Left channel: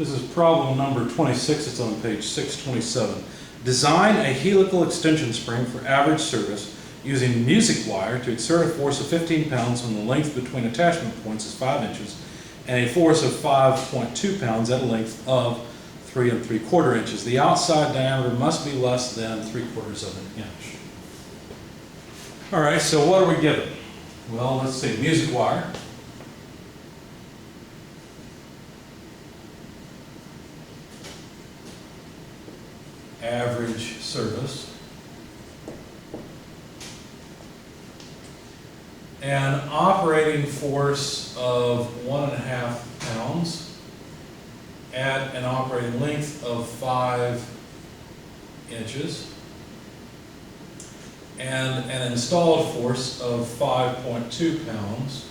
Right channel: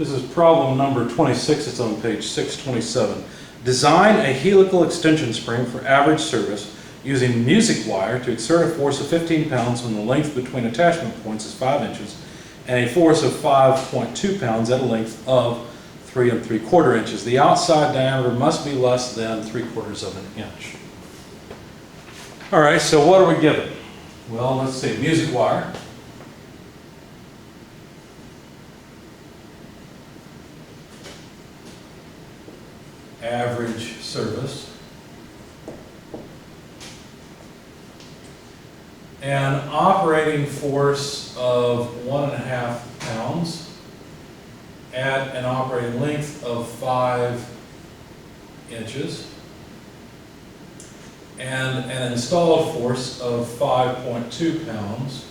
This is problem number 26. It's on page 627. Design a helical extension spring for average service using music wire to exert a force of 15 pounds when the length between attachment points is 5 inches and a force of 5.2 pounds at a length of 3 3/4 inches. The outside diameter must be less than 3/4 of an inch. All right, so what are we given? Well, let's see, music wire. Average service. An operating force of 1.5 pounds at an operating length of 5 inches and an installed force of 5.2 pounds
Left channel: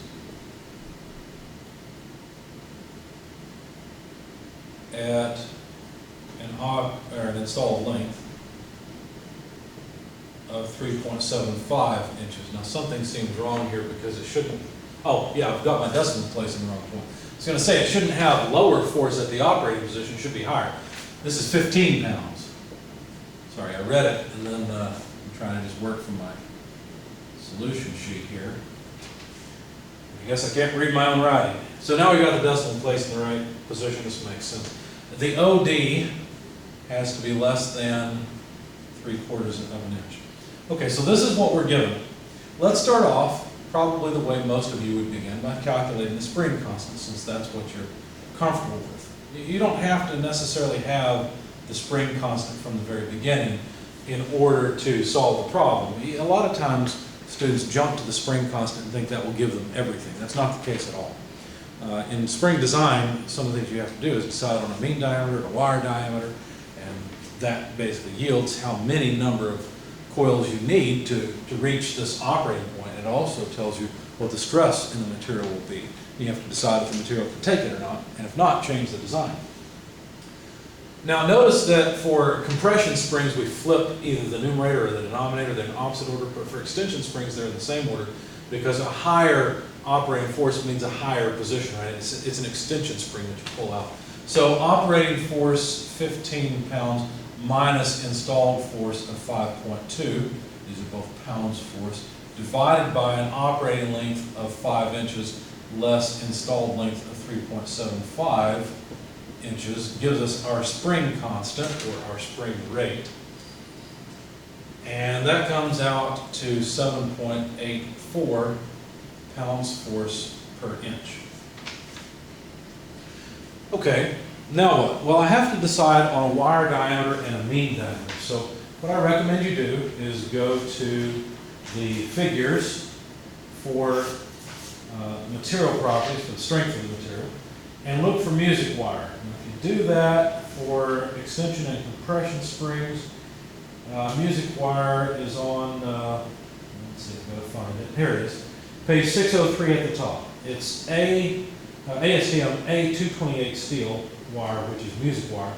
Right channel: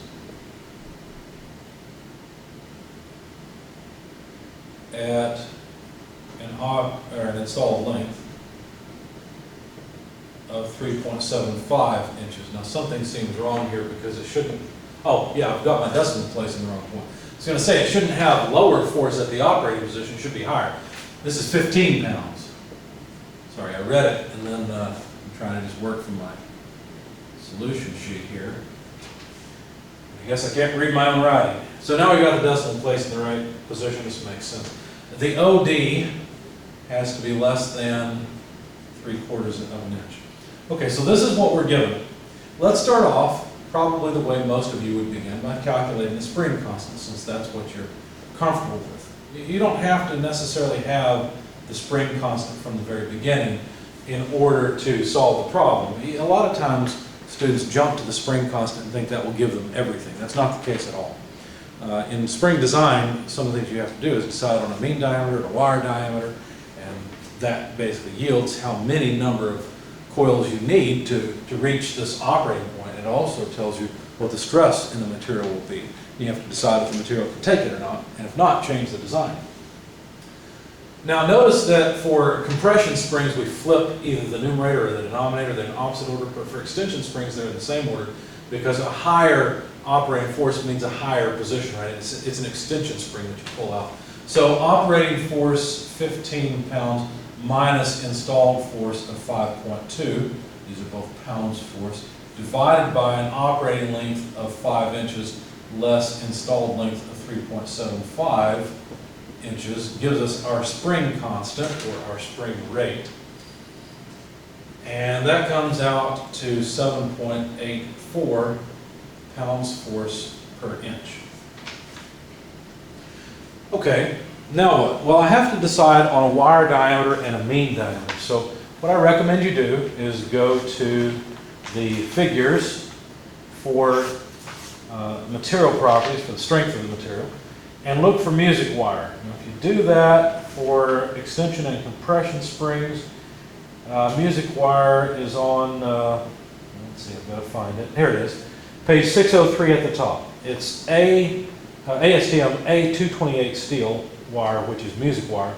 at an installed length of 3.75 inches. Now something seems wrong here because it shouldn't, oh yeah, I've got my decimal place in the wrong point. I was going to say it shouldn't have lower force at the operating position, it should be higher. This is 15 pounds. Sorry, I read it and then I'm trying to just work from my solution sheet here. I guess I can't read my own writing. So now we got the decimal place in the right position. This makes sense. The OD has to be less than 3/4 of an inch. Okay, so this is what we're given. Let's start off probably the way most of you would begin, by calculating the spring constant, since that's what you're comfortable with. You don't have to necessarily have the spring constant from the very beginning in order to solve the problem. A lot of times students jump to the spring constant and think that will give them everything. That's not the case at all. In spring design, some of the things you have to do is decide on a mean diameter, a wire diameter, and that basically yields how many number of coils you need to reach this operating point. It also tells you what the stress in the material will be. You have to decide if the material can take it or not, and if not, change the design. Now notice that for compression springs, we flip either the numerator or the denominator. They're in opposite order, but for extension springs, they're in the same order because a higher operating force means a higher position, right? It's an extension spring that you pull out. So operating force 15 pounds minus installed force of 5.2, these are both pounds force, divided by an operating length of 5 inches less installed length of 3.75 inches gives us our spring constant, or our spring rate. And that comes out to 7.84 pounds force per inch. Okay, now what? Well, I have to decide on a wire diameter and a mean diameter. So what I recommend you do is go to the figures for material properties, for the strength of the material, and look for music wire. And if you do that for extension and compression springs, music wire is on, let's see, I've got to find it. Here it is. Page 603 at the top. It's ASTM A228 steel wire, which is music wire.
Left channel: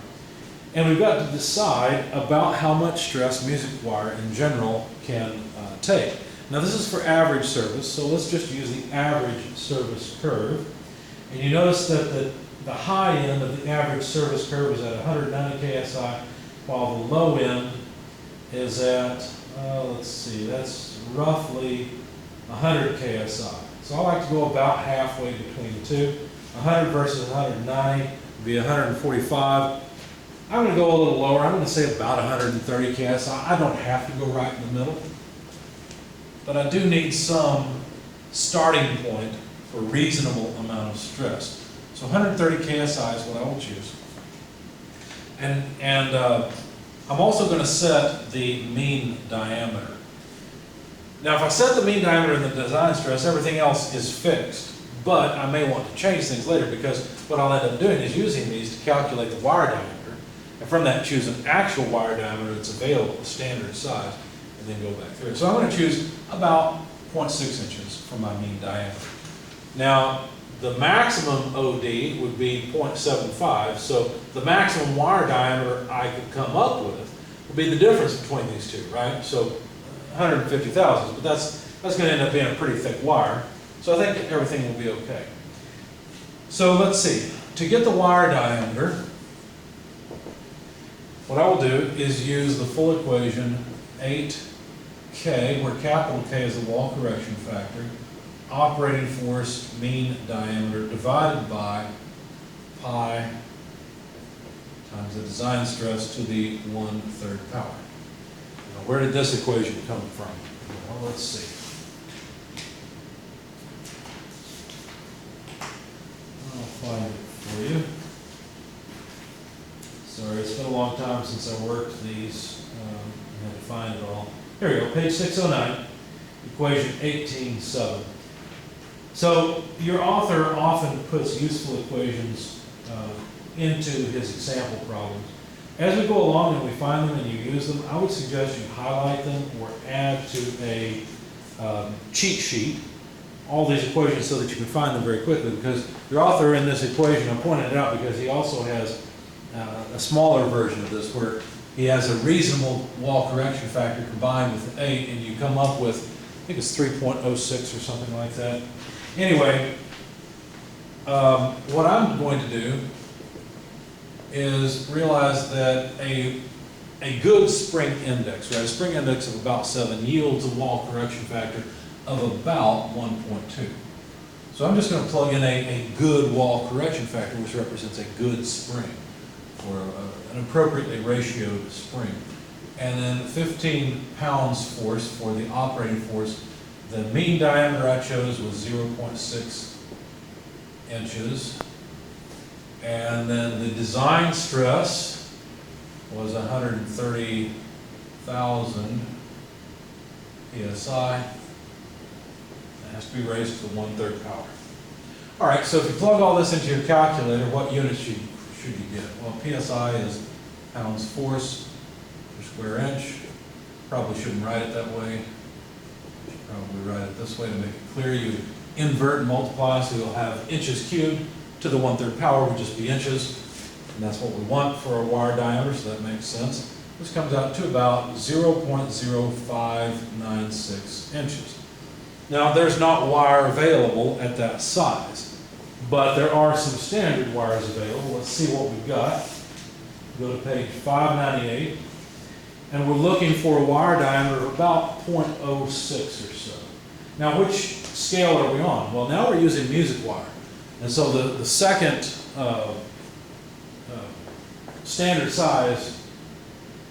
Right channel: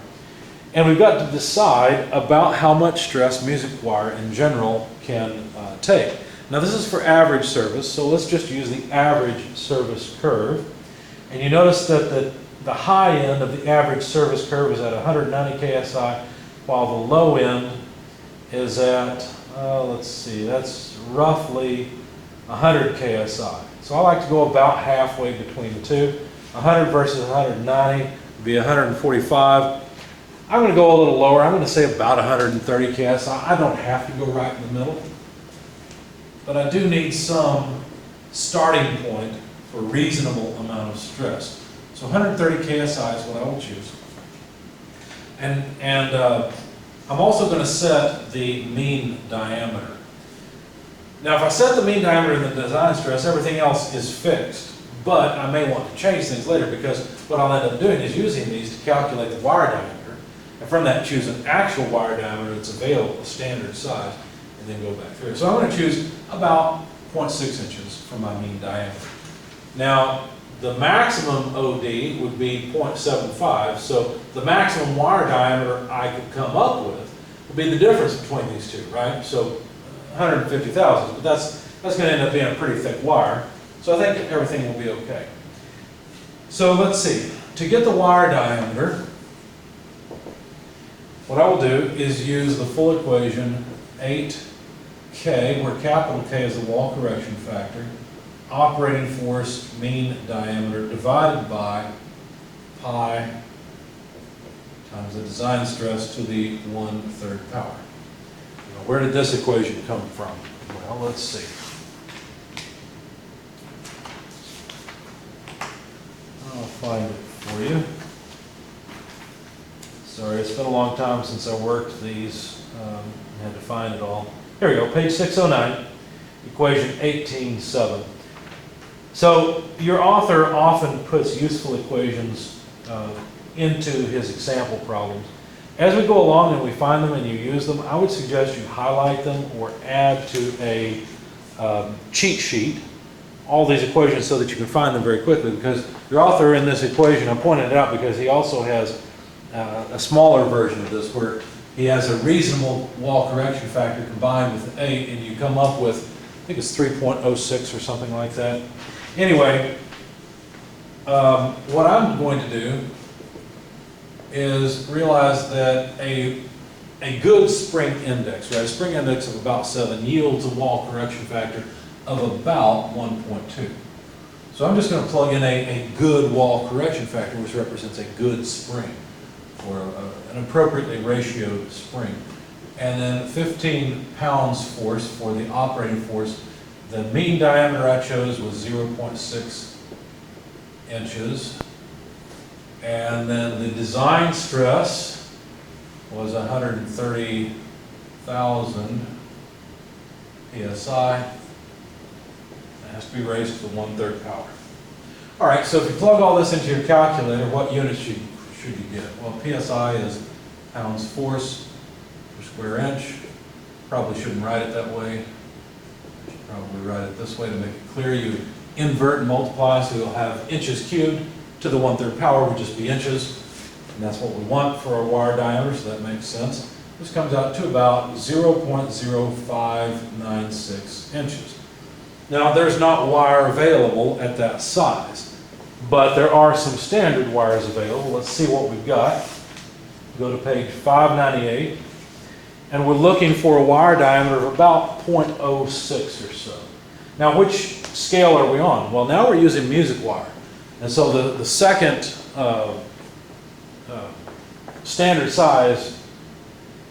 And we've got to decide about how much stress music wire in general can take. Now this is for average service, so let's just use the average service curve. And you notice that the high end of the average service curve is at 190 KSI, while the low end is at, let's see, that's roughly 100 KSI. So I like to go about halfway between the two. 100 versus 190 would be 145. I'm going to go a little lower. I'm going to say about 130 KSI. I don't have to go right in the middle, but I do need some starting point for a reasonable amount of stress. So 130 KSI is what I will choose. And I'm also going to set the mean diameter. Now if I set the mean diameter in the design stress, everything else is fixed. But I may want to change things later, because what I'll end up doing is using these to calculate the wire diameter, and from that choose an actual wire diameter that's available, a standard size, and then go back through it. So I'm going to choose about 0.6 inches for my mean diameter. Now the maximum OD would be 0.75, so the maximum wire diameter I could come up with would be the difference between these two, right? So 150 thousandths, but that's going to end up being a pretty thick wire. So I think everything will be okay. So let's see. to get the wire diameter, what I will do is use the full equation 8K, where capital K is the wall correction factor, operating force mean diameter divided by pi times the design stress to the 1/3 power. Now, where did this equation come from? Well, let's see. I'll find it for you. Sorry, it's been a long time since I worked these. I had to find it all. Here we go, page 609, equation 18.7. So your author often puts useful equations into his example problems. As we go along and we find them and you use them, I would suggest you highlight them or add to a cheat sheet all these equations so that you can find them very quickly, because your author in this equation, I pointed it out because he also has a smaller version of this where he has a reasonable wall correction factor combined with 8, and you come up with, I think it's 3.06 or something like that. Anyway, what I'm going to do is realize that a good spring index, right, a spring index of about 7 yields a wall correction factor of about 1.2. So I'm just going to plug in a good wall correction factor, which represents a good spring, or an appropriately ratioed spring. And then 15 pounds force for the operating force. The mean diameter I chose was 0.6 inches. And then the design stress was 130,000 PSI. It has to be raised to the 1/3 power. All right, so if you plug all this into your calculator, what units should you get? Well, PSI is pounds force per square inch. Probably shouldn't write it that way. You should probably write it this way to make it clear. You invert and multiply, so you'll have inches cubed to the 1/3 power would just be inches. And that's what we want for our wire diameter, so that makes sense. This comes out to about 0.0596 inches. Now, there's not wire available at that size, but there are some standard wires available. Let's see what we've got. Go to page 598, and we're looking for a wire diameter of about 0.06 or so. Now, which scale are we on? Well, now we're using music wire. And so the second standard size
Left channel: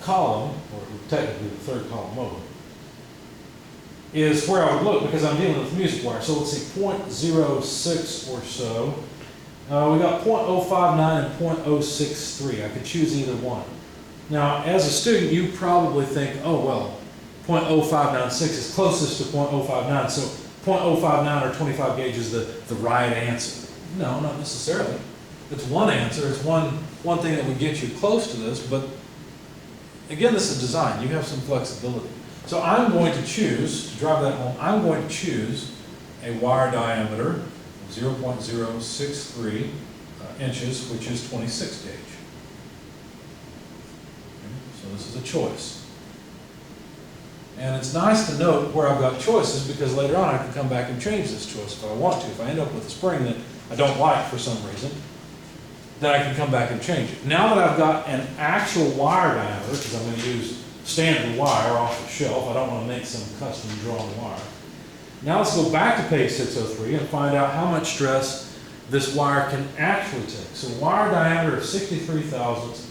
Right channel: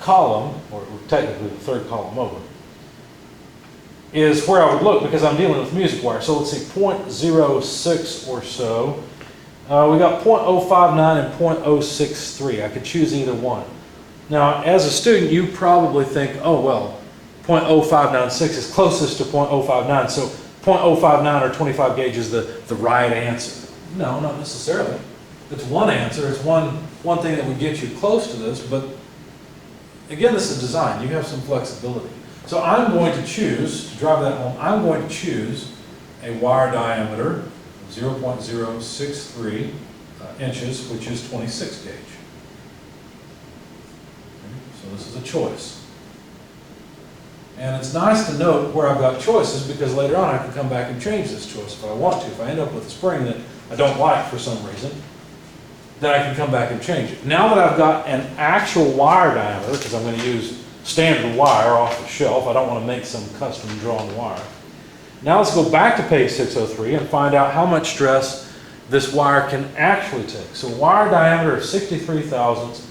column, or technically the third column over, is where I would look because I'm dealing with music wire. So let's see, 0.06 or so. We got 0.059 and 0.063. I could choose either one. Now, as a student, you probably think, oh, well, 0.0596 is closest to 0.059, so 0.059 or 25 gauge is the right answer. No, not necessarily. It's one answer. It's one thing that would get you close to this, but again, this is design. You have some flexibility. So I'm going to choose, to drive that home, I'm going to choose a wire diameter of 0.063 inches, which is 26 gauge. Okay, so this is a choice. And it's nice to note where I've got choices, because later on I can come back and change this choice if I want to. If I end up with a spring that I don't like for some reason, then I can come back and change it. Now that I've got an actual wire diameter, because I'm going to use standard wire off the shelf, I don't want to make some custom drawn wire. Now let's go back to page 603 and find out how much stress this wire can actually take. So wire diameter of 63 thousandths,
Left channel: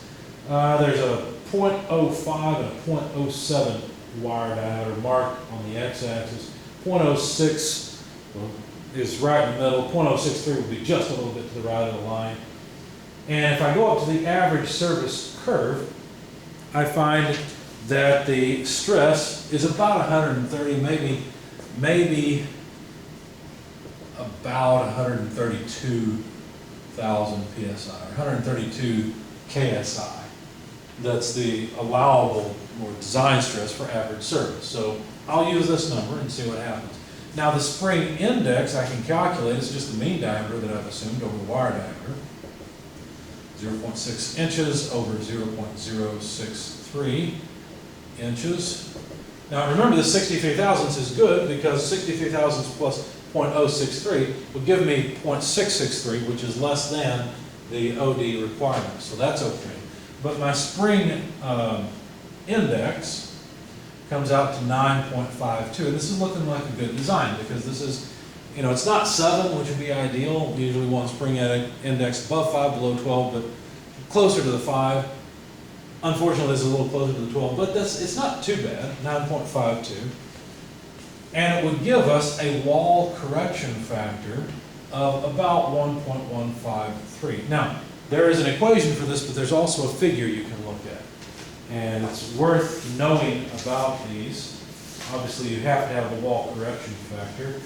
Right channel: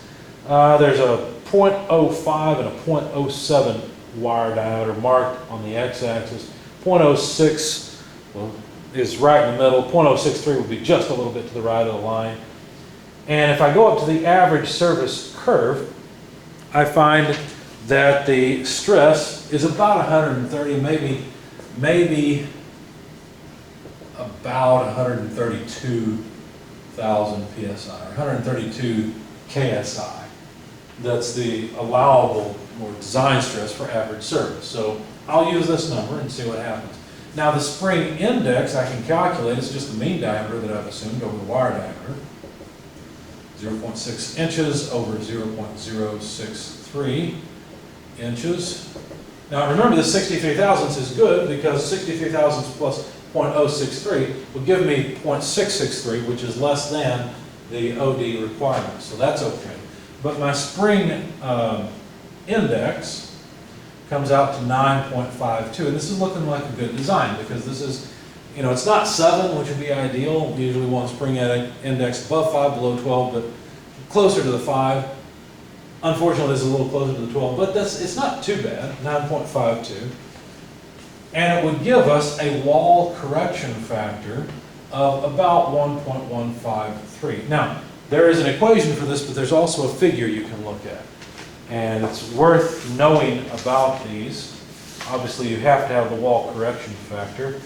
there's a 0.05 and a 0.07 wire diameter marked on the x-axis. 0.06 is right in the middle. 0.063 would be just a little bit to the right of the line. And if I go up to the average surface curve, I find that the stress is about 130, maybe about 132,000 psi, or 132 ksi. That's the allowable or design stress for average surface. So I'll use this number and see what happens. Now the spring index I can calculate. It's just the mean diameter that I've assumed over the wire diameter. 0.6 inches over 0.063 inches. Now remember, the 63 thousandths is good because 63 thousandths plus 0.063 will give me 0.663, which is less than the OD requirement, so that's okay. But my spring index comes out to 9.52, and this is looking like a good design because this is, you know, it's not 7, which would be ideal. We usually want spring index above 5, below 12, but closer to the 5. Unfortunately, this is a little closer to the 12, but it's not too bad, 9.52. And it would give us a wall correction factor of about 1.153. Now, there is an equation for this, but there's also a figure you can look at. And it's worth knowing about these. Obviously, you have to have the wall correction factor.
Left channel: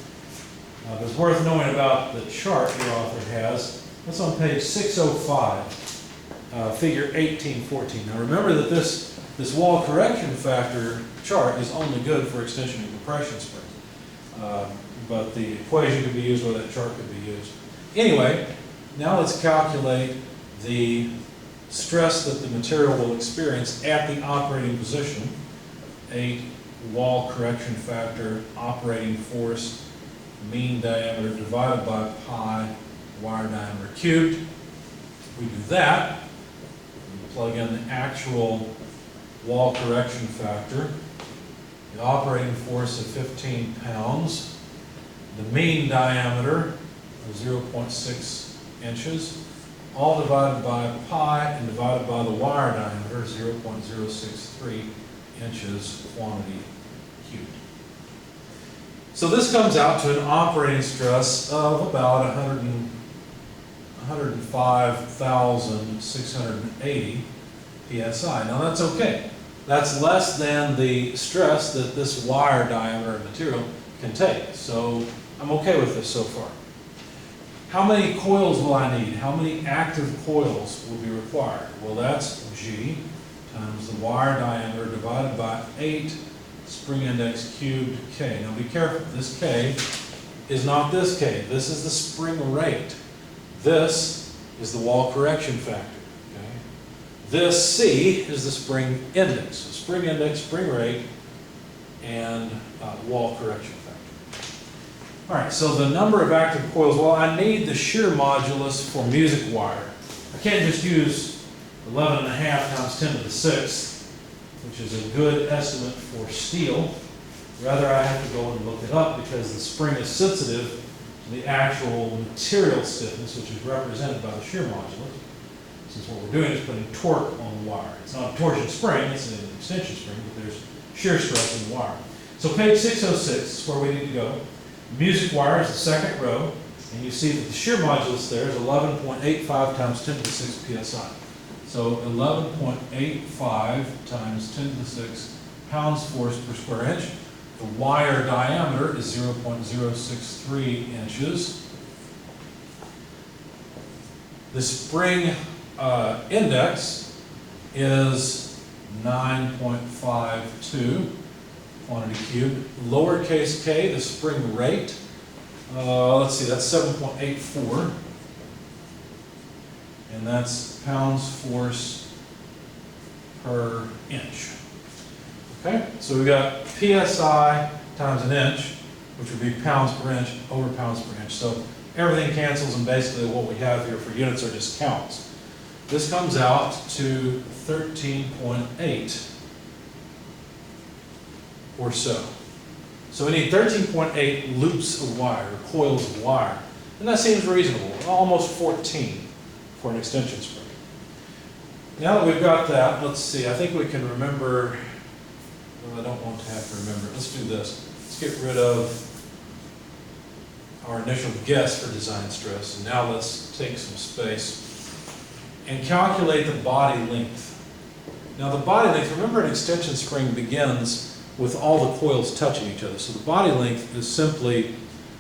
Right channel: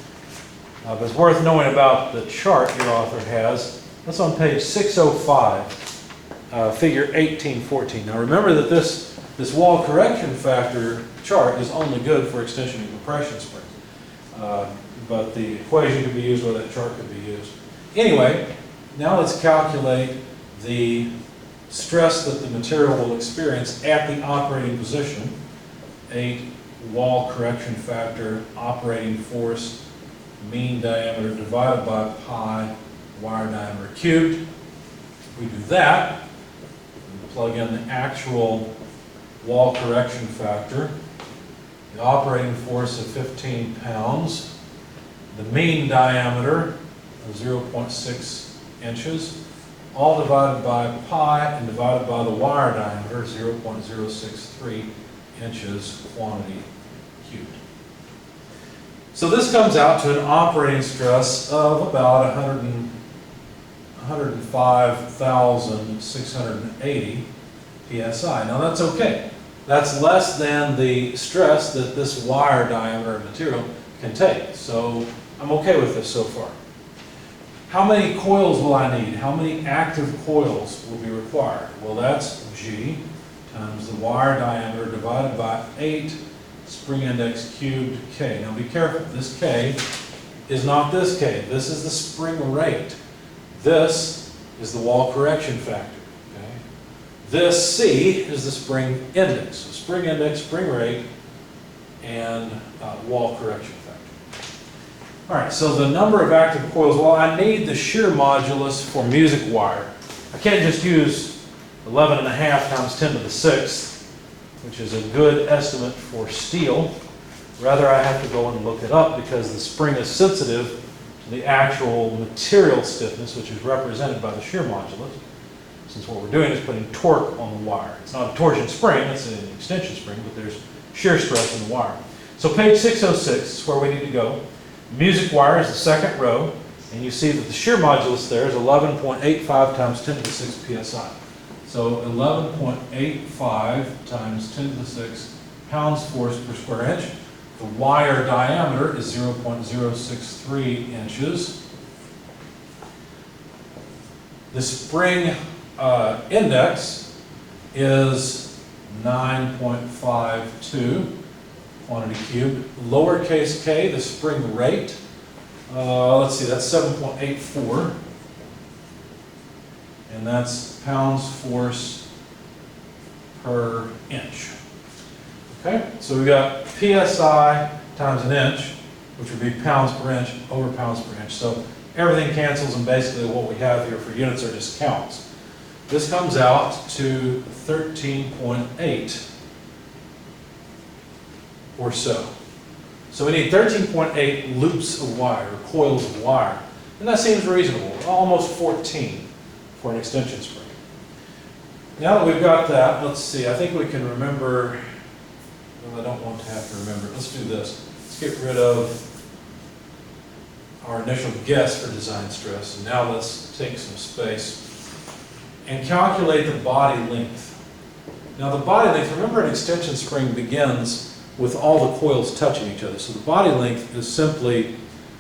But it's worth knowing about the chart your author has. That's on page 605, figure 1814. Now remember that this wall correction factor chart is only good for extension and compression springs. But the equation could be used, or that chart could be used. Anyway, now let's calculate the stress that the material will experience at the operating position. 8 wall correction factor, operating force, mean diameter divided by pi wire diameter cubed. We do that, we plug in the actual wall correction factor, the operating force of 15 pounds, the mean diameter of 0.6 inches, all divided by pi and divided by the wire diameter, 0.063 inches quantity cubed. So this comes out to an operating stress of about 105,680 psi. Now that's okay. That's less than the stress that this wire diameter material can take. So I'm okay with this so far. How many coils will I need? How many active coils will be required? Well, that's G times the wire diameter divided by 8 spring index cubed K. Now be careful, this K is not this K. This is the spring rate. This is the wall correction factor. Okay? This C is the spring index. So spring index, spring rate, and wall correction factor. All right, so the number of active coils, well, I need the shear modulus for music wire. I can't just use 11.5 times 10 to the 6th, which is a good estimate for steel. Rather, I have to go and look it up because the spring is sensitive to the actual material stiffness, which is represented by the shear modulus. Since what we're doing is putting torque on the wire. It's not a torsion spring, it's an extension spring, but there's shear stress in the wire. So page 606 is where we need to go. Music wire is the second row, and you see that the shear modulus there is 11.85 times 10 to the 6 psi. So 11.85 times 10 to the 6 pounds force per square inch. The wire diameter is 0.063 inches. The spring index is 9.52 quantity cubed. Lowercase k, the spring rate, let's see, that's 7.84. And that's pounds force per inch. Okay, so we got PSI times an inch, which would be pounds per inch over pounds per inch. So everything cancels, and basically what we have here for units are just counts. This comes out to 13.8 or so. So we need 13.8 loops of wire, or coils of wire. And that seems reasonable, almost 14 for an extension spring. Now that we've got that, let's see, I think we can remember, well, I don't want to have to remember. Let's do this. Let's get rid of our initial guess for design stress, and now let's take some space and calculate the body length. Now the body length, remember an extension spring begins with all the coils touching each other. So the body length is simply,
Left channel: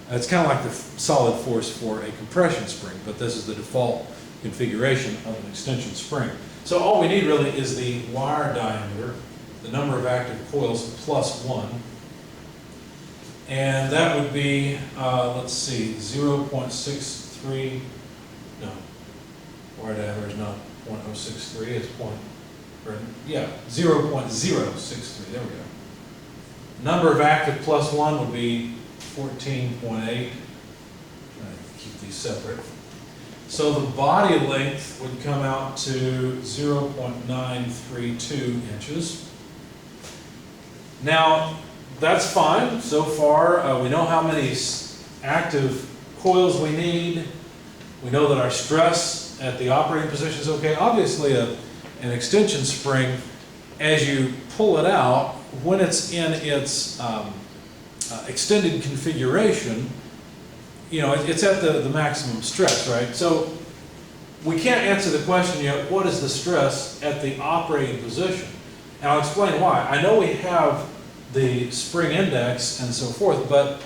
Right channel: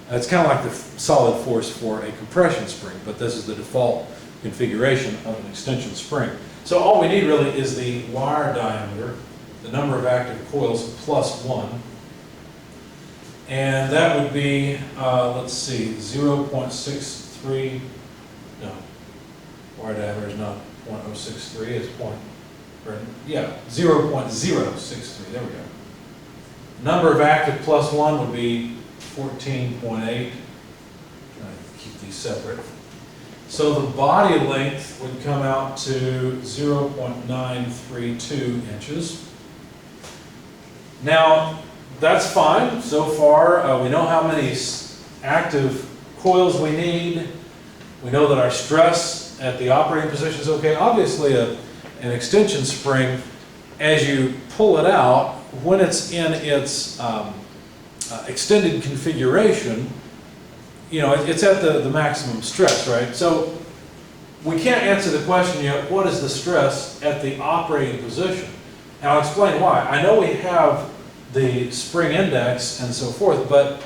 it's kind of like the solid force for a compression spring, but this is the default configuration of an extension spring. So all we need really is the wire diameter, the number of active coils plus 1. And that would be, let's see, 0.63, no, wire diameter is not 0.063, it's 0.063, there we go. Number of active plus 1 would be 14.8. Keep these separate. So the body length would come out to 0.932 inches. Now, that's fine so far. We know how many active coils we need. We know that our stress at the operating position is okay. Obviously, an extension spring, as you pull it out, when it's in its extended configuration, you know, it's at the maximum stress, right? So we can't answer the question yet, what is the stress at the operating position? And I'll explain why. I know we have the spring index and so forth, but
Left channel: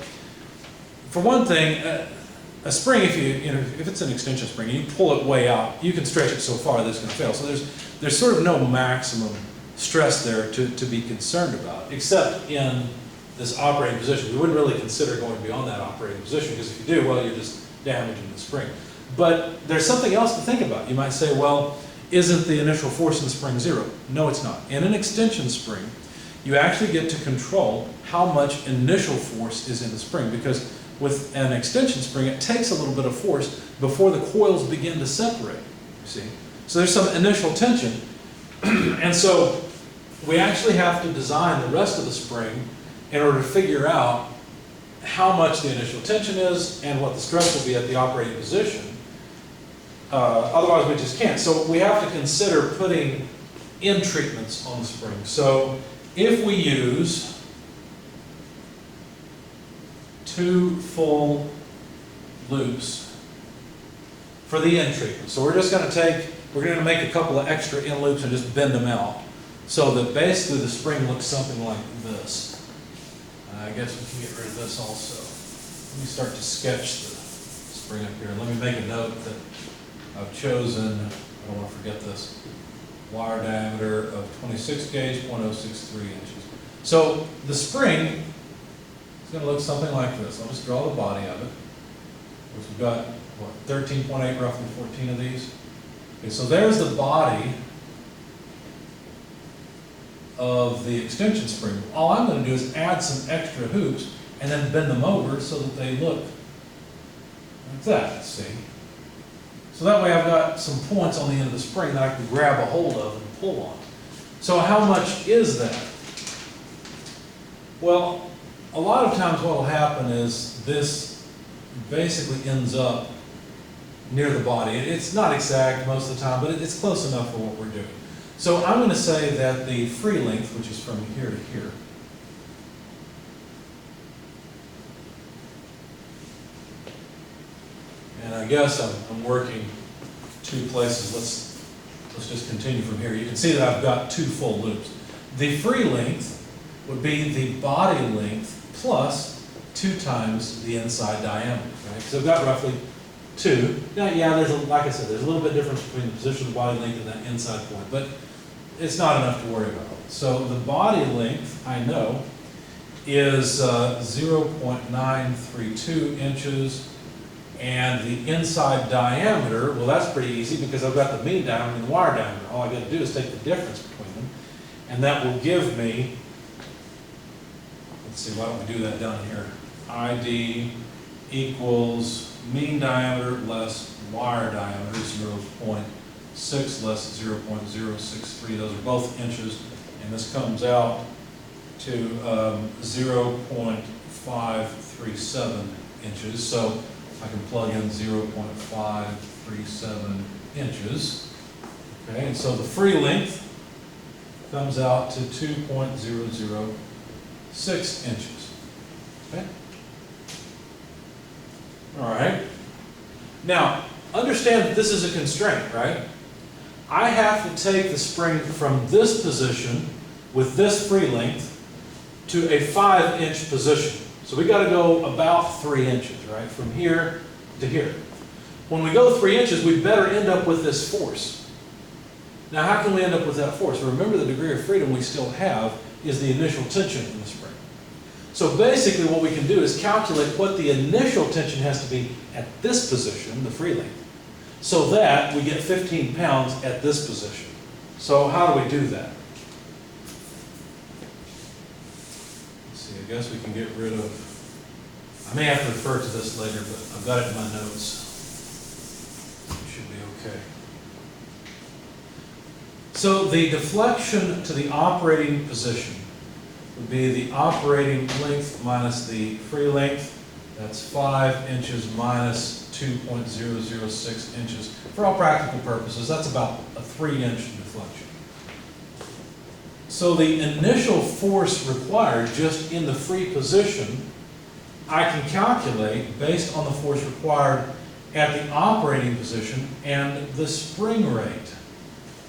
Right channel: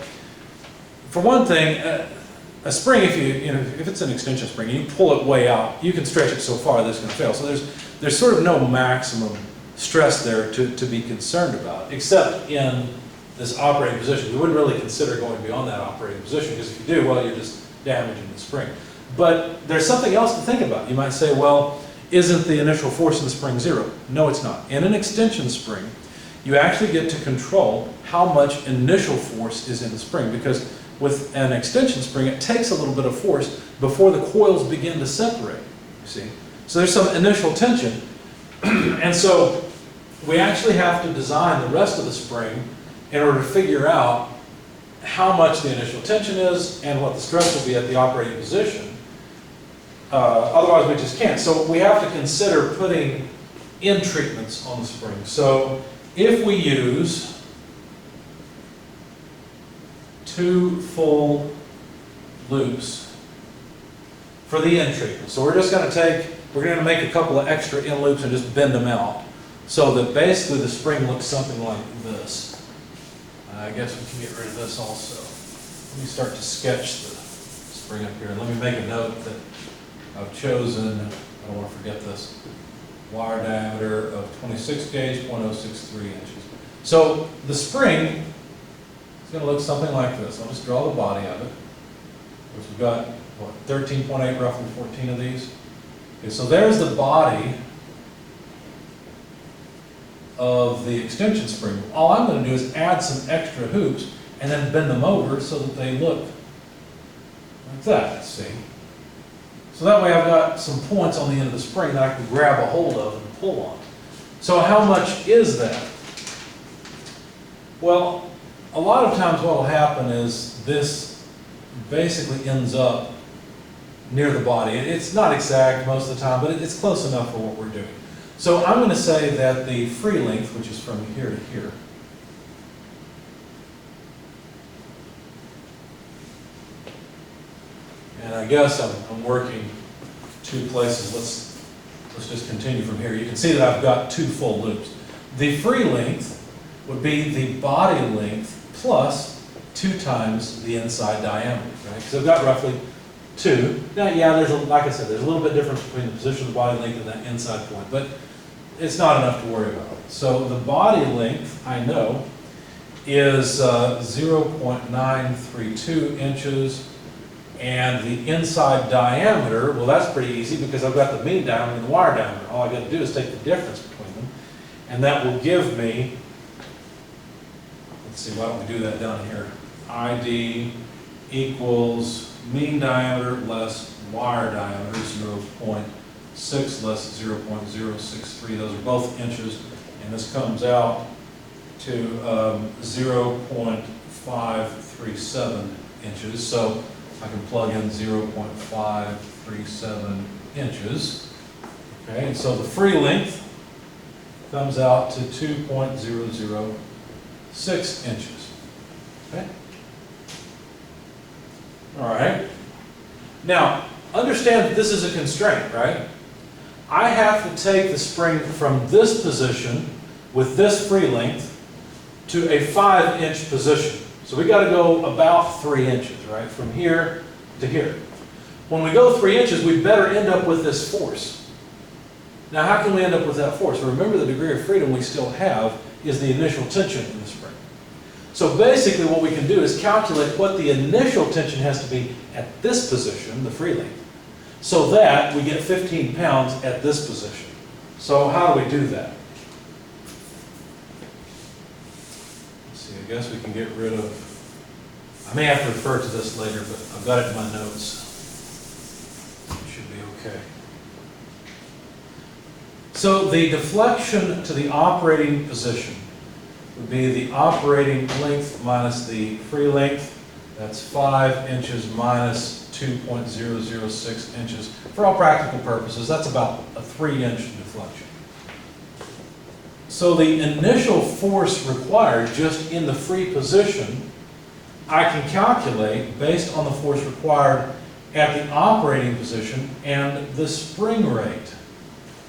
for one thing, a spring, if it's an extension spring and you pull it way out, you can stretch it so far that it's going to fail. So there's sort of no maximum stress there to be concerned about, except in this operating position. We wouldn't really consider going beyond that operating position, because if you do, well, you're just damaging the spring. But there's something else to think about. You might say, well, isn't the initial force in the spring zero? No, it's not. In an extension spring, you actually get to control how much initial force is in the spring, because with an extension spring, it takes a little bit of force before the coils begin to separate, you see. So there's some initial tension. And so we actually have to design the rest of the spring in order to figure out how much the initial tension is and what the stress will be at the operating position. Otherwise, we just can't. So we have to consider putting in treatments on the spring. So if we use 2 full loops for the in treatment. So we're just going to make a couple of extra in loops and just bend them out so that basically the spring looks something like this. I guess we can get rid of this also. Let me start to sketch the spring up here. Let me make a note that I've chosen, I don't want to forget this, wire diameter of 26 gauge, 0.063 inches. So the spring is going to look something like this. I'll just draw the body of it, which we've got, what, 13.8, roughly 14 of these. Okay, so there's the body of the extension spring. All I'm going to do is add some extra hoops and then bend them over so that they look like that, see? So that way I've got some points on the end of the spring that I can grab a hold of and pull on. So how much is that? Well, a lot of times what will happen is this basically ends up near the body. It's not exact most of the time, but it's close enough for what we're doing. So I'm going to say that the free length, which is from here to here, and I guess I'm working 2 places. Let's just continue from here. You can see that I've got 2 full loops. The free length would be the body length plus 2 times the inside diameter, right? Because I've got roughly 2. Now, yeah, like I said, there's a little bit difference between the position of the body length and that inside point, but it's not enough to worry about. So the body length, I know, is 0.932 inches, and the inside diameter, well, that's pretty easy because I've got the mean diameter and the wire diameter. All I got to do is take the difference between them, and that will give me, let's see, why don't we do that down here? ID equals mean diameter less wire diameter, 0.6 less 0.063. Those are both inches, and this comes out to 0.537 inches. So I can plug in 0.537 inches. Okay, and so the free length comes out to 2.006 inches. Okay. All right. Now, understand that this is a constraint, right? I have to take the spring from this position with this free length to a 5-inch position. So we got to go about 3 inches, right? From here to here. When we go 3 inches, we better end up with this force. Now, how can we end up with that force? Well, remember, the degree of freedom we still have is the initial tension in the spring. So basically what we can do is calculate what the initial tension has to be at this position, the free length, so that we get 15 pounds at this position. So how do we do that? Let's see, I guess we can get rid of, I may have to refer to this later, but I've got it in my notes. Okay. So the deflection to the operating position would be the operating length minus the free length. That's 5 inches minus 2.006 inches. For all practical purposes, that's about a 3-inch deflection. So the initial force required just in the free position, I can calculate based on the force required at the operating position and the spring rate.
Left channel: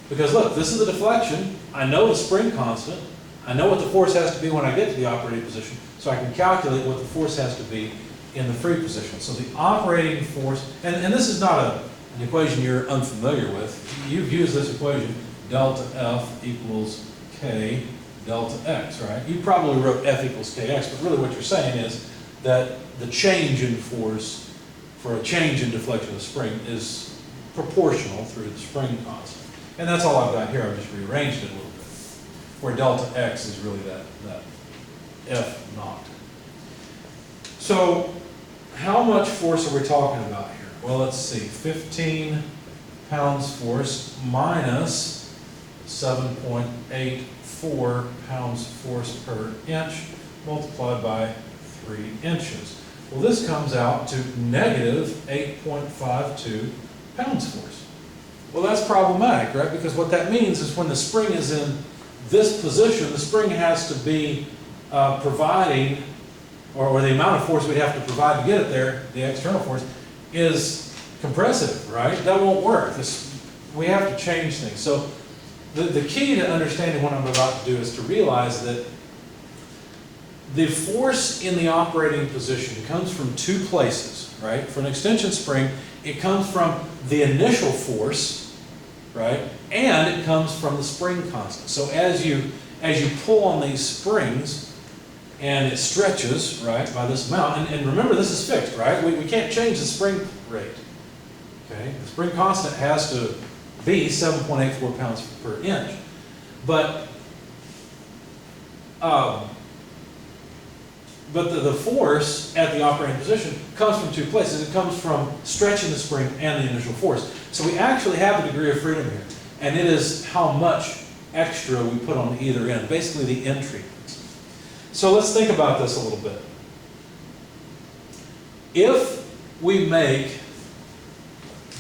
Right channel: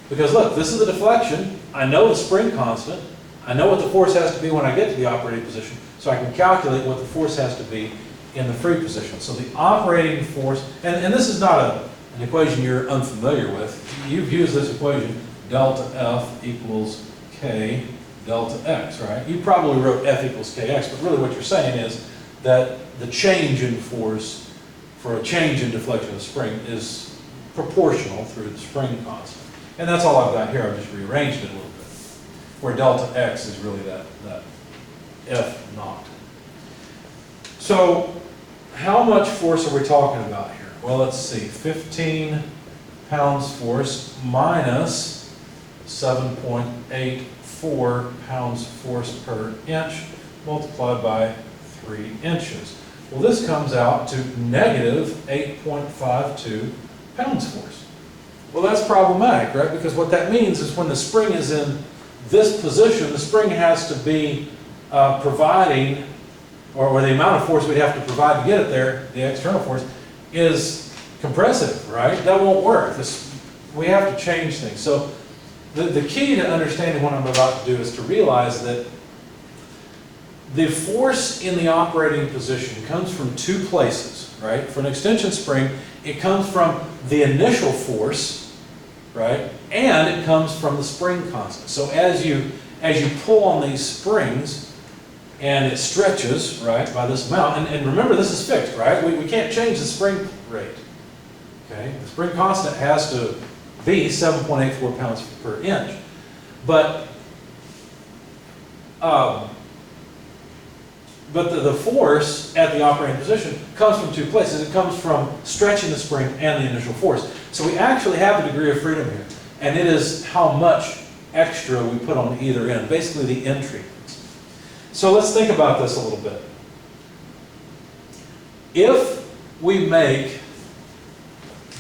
Because look, this is the deflection. I know the spring constant. I know what the force has to be when I get to the operating position, so I can calculate what the force has to be in the free position. So the operating force, and this is not an equation you're unfamiliar with. You've used this equation, delta F equals K delta X, right? You probably wrote F equals Kx, but really what you're saying is that the change in force for a change in deflection of the spring is proportional through the spring constant. And that's all I've got here. I've just rearranged it a little bit, where delta X is really that F naught. So how much force are we talking about here? Well, let's see, 15 pounds force minus 7.84 pounds force per inch multiplied by 3 inches. Well, this comes out to negative 8.52 pounds force. Well, that's problematic, right? Because what that means is when the spring is in this position, the spring has to be providing, or the amount of force we'd have to provide to get it there, the external force, is compressive, right? That won't work. We have to change things. So the key to understanding what I'm about to do is to realize that the force in the operating position comes from 2 places, right? For an extension spring, it comes from the initial force, right? And it comes from the spring constant. So as you pull on these springs and it stretches, right, by this amount, and remember this is fixed, right? We can't change the spring rate, okay? The spring constant has to be 7.84 pounds per inch. But the force at the operating position comes from 2 places. It comes from stretching the spring and the initial force. So we actually have a degree of freedom here, and it is how much extra we put on either end, basically the entry. So let's think about this a little bit. If we make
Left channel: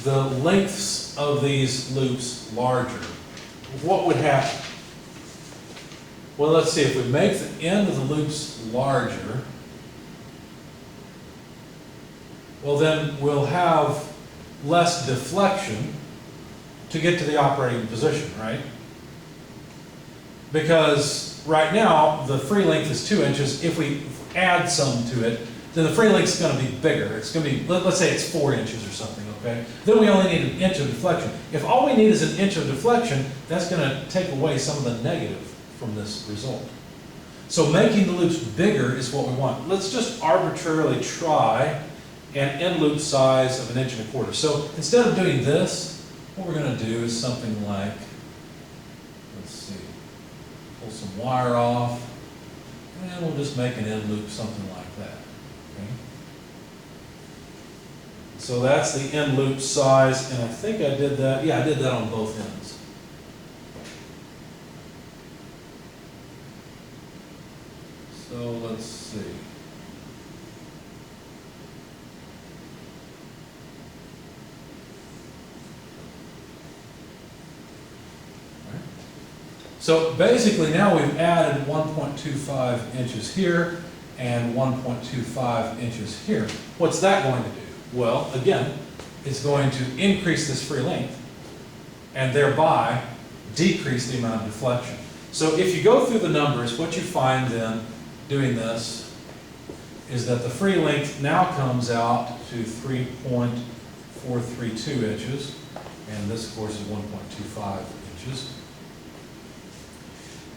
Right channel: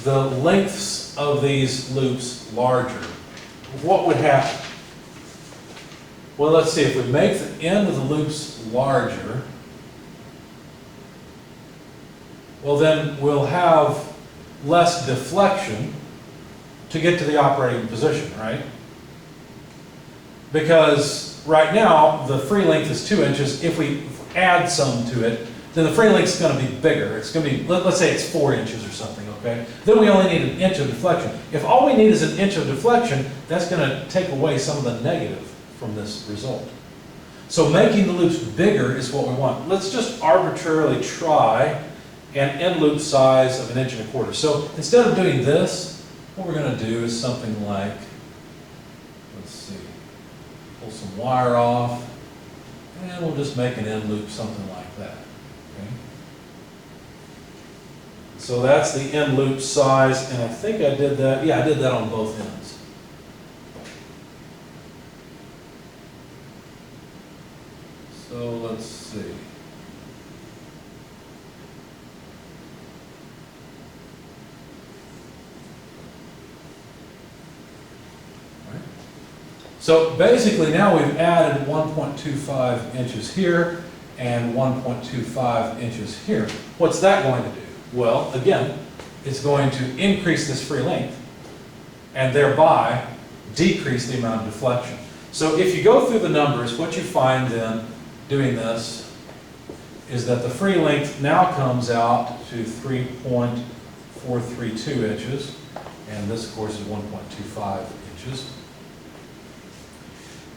the lengths of these loops larger, what would happen? Well, let's see, if we make the end of the loops larger, well then we'll have less deflection to get to the operating position, right? Because right now the free length is 2 inches. If we add some to it, then the free length is going to be bigger. It's going to be, let's say it's 4 inches or something, okay? Then we only need 1 inch of deflection. If all we need is 1 inch of deflection, that's going to take away some of the negative from this result. So making the loops bigger is what we want. Let's just arbitrarily try an end loop size of 1.25 inches. So instead of doing this, what we're going to do is something like, let's see, pull some wire off, and we'll just make an end loop something like that. Okay? So that's the end loop size, and I think I did that. Yeah, I did that on both ends. So let's see. Right. So basically now we've added 1.25 inches here and 1.25 inches here. What's that going to do? Well, again, it's going to increase this free length and thereby decrease the amount of deflection. So if you go through the numbers, what you find then doing this is that the free length now comes out to 3.432 inches, and this of course is 1.25 inches.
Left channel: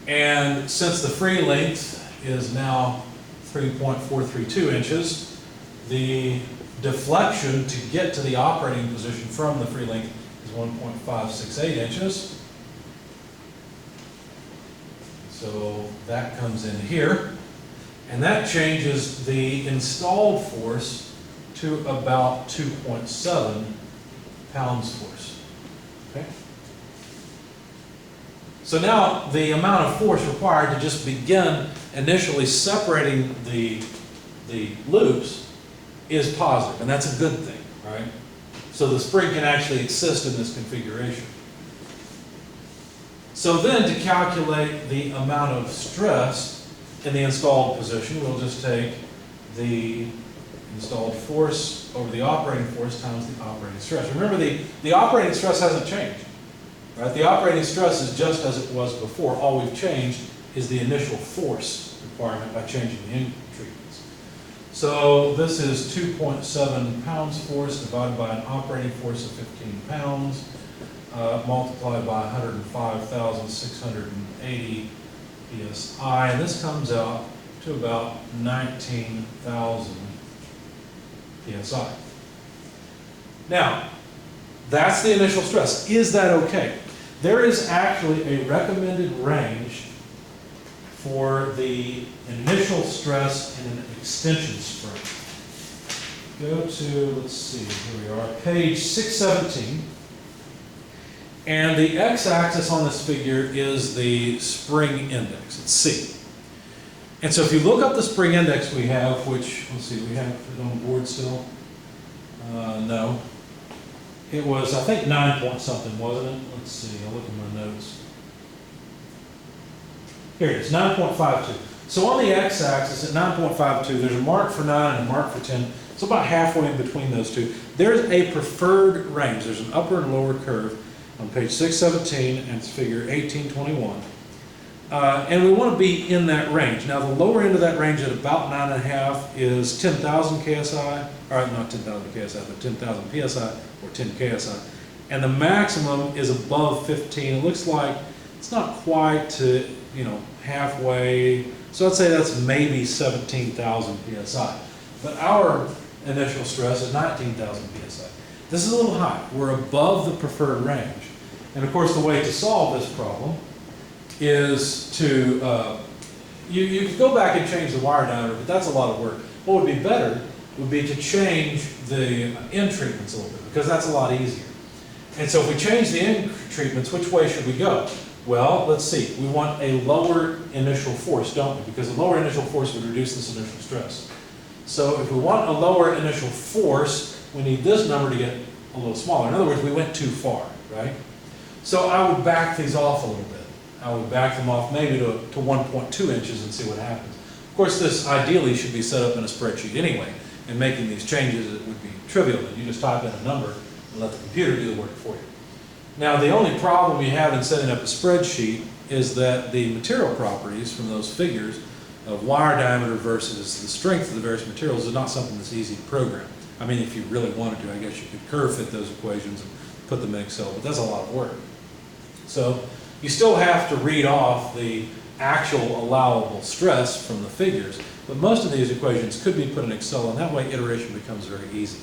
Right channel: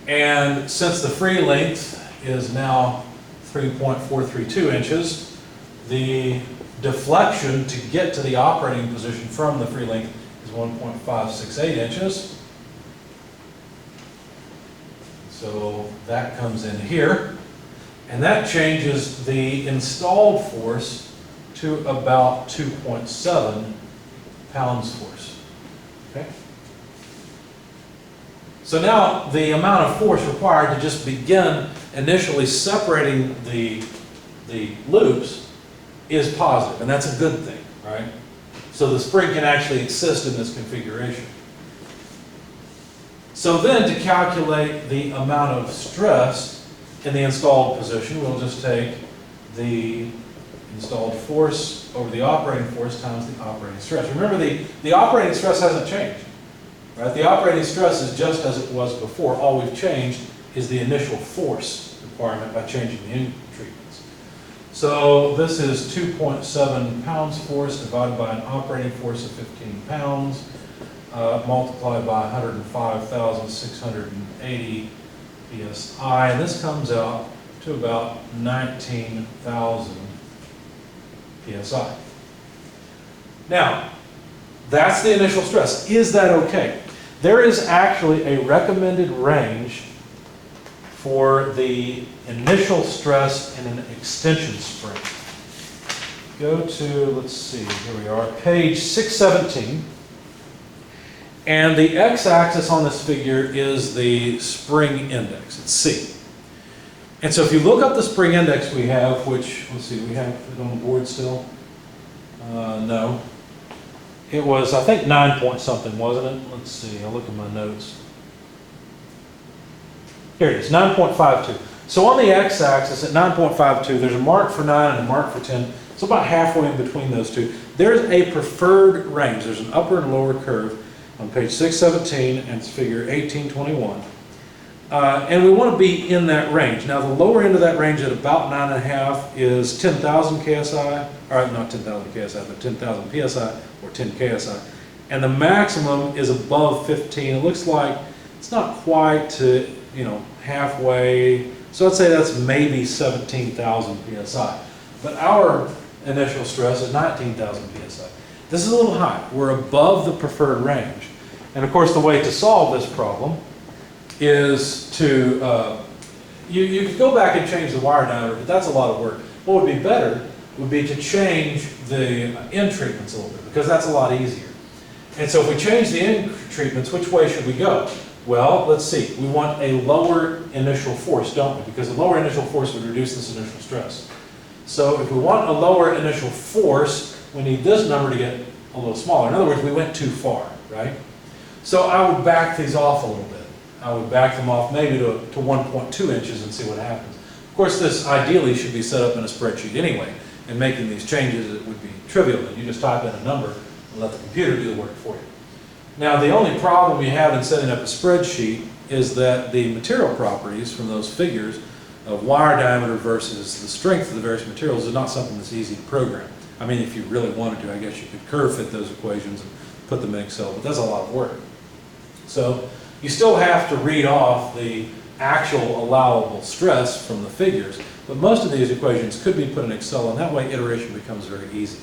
And since the free length is now 3.432 inches, the deflection to get to the operating position from the free length is 1.568 inches. So that comes in here. And that changes the installed force to about 2.7 pounds force. Okay? So now the amount of force required to just begin initially separating the loops is positive, and that's a good thing, right? So the spring can actually exist in this configuration. So then to calculate the amount of stress in the installed position, we'll just take the installed force over the operating force times the operating stress. Remember, the operating stress hasn't changed, right? The operating stress is just as it was before. All we've changed is the initial force requirement by changing the end treatments. So this is 2.7 pounds force divided by an operating force of 15 pounds, multiplied by 105,680 psi, and this comes out to about 19,000 psi. Now, that's the initial stress. Is that okay? There is actually a recommended range for the initial stress in an extension spring. Go to, let's see, here we are, page 617. And the x-axis on this figure is the spring index, it's C. And so if you look up the spring index we have, which, let's see, we have it on the board still? No. It was, I think, 9 point something, wasn't it? Let's see, I'll look at my notes. Here it is, 9.52. So on the x-axis at 9.52, there's a mark for 9 and a mark for 10. So about halfway in between those two. There's a preferred range. There's an upper and lower curve on page 617, and it's figure 1821. And we want to be in that range. Now, the lower end of that range at about 9.5 is 10,000 KSI, or not 10,000 KSI, but 10,000 PSI, or 10 KSI. And the maximum is above 15. It looks like it's not quite to, halfway. So I'd say that's maybe 17,000 PSI. But our initial stress is 19,000 PSI. This is a little high. We're above the preferred range. And of course, the way to solve this problem is to, you could go back and change the wire diameter, but that's a lot of work. What would be better would be to change the end treatments a little bit, because that's a lot easier. And so if we change the end treatments, which way should we go? Well, let's see. We want a lower initial force, don't we? Because a lower initial force would reduce this initial stress. So if we want a lower initial force, we need this number to get a little smaller. In other words, we went too far, right? So I would back these off a little bit. I would back them off maybe to 1.2 inches and see what happens. Of course, this ideally should be set up in a spreadsheet anyway, and making these changes, it would be trivial. And you just type in a number and let the computer do the work for you. Now, the only problem you have in setting up a spreadsheet is that the material properties from those figures of wire diameter versus the strength of the various materials is not something that's easy to program. I mean, if you really wanted to, I guess you could curve fit those equations and put them in Excel, but that's a lot of work. So you still have to read off the actual allowable stress from the figures, but most of these equations could be put in Excel, and that way iteration becomes very easy.